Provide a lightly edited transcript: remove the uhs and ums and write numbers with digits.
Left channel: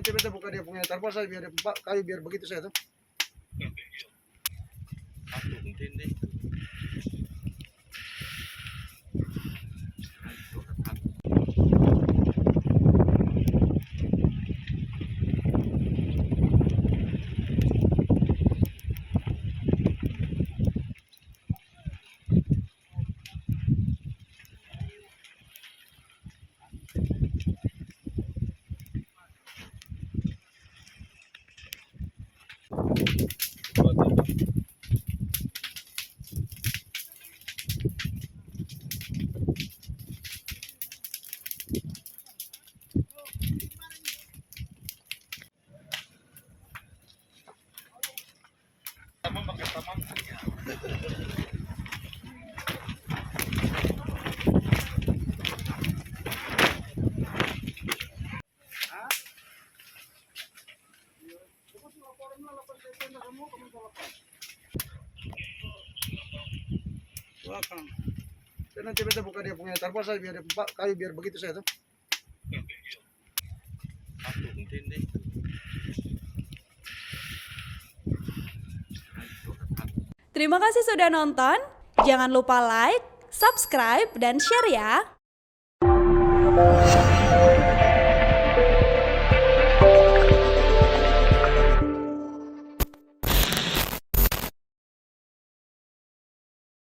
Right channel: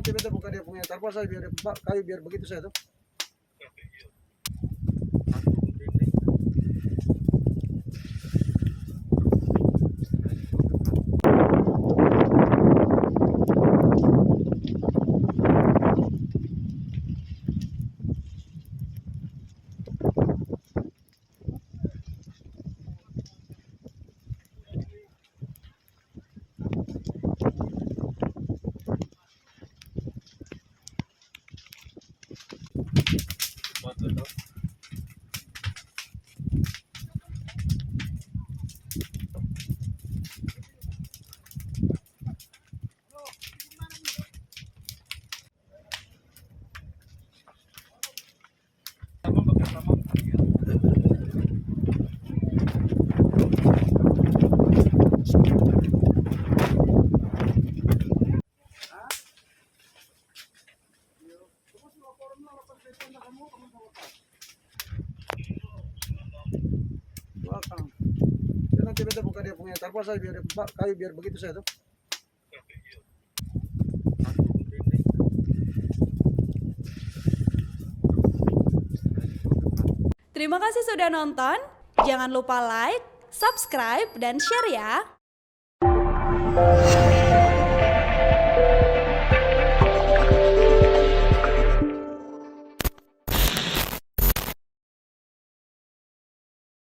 nanti beta buka dia punya tarpas saya biar kayu biar begitu saya tuh. Belakang. Dan nanti beta buka dia punya tarpas saya biar kayu biar begitu saya tuh. Terima kasih sudah nonton. Jangan lupa like, subscribe, dan share ya.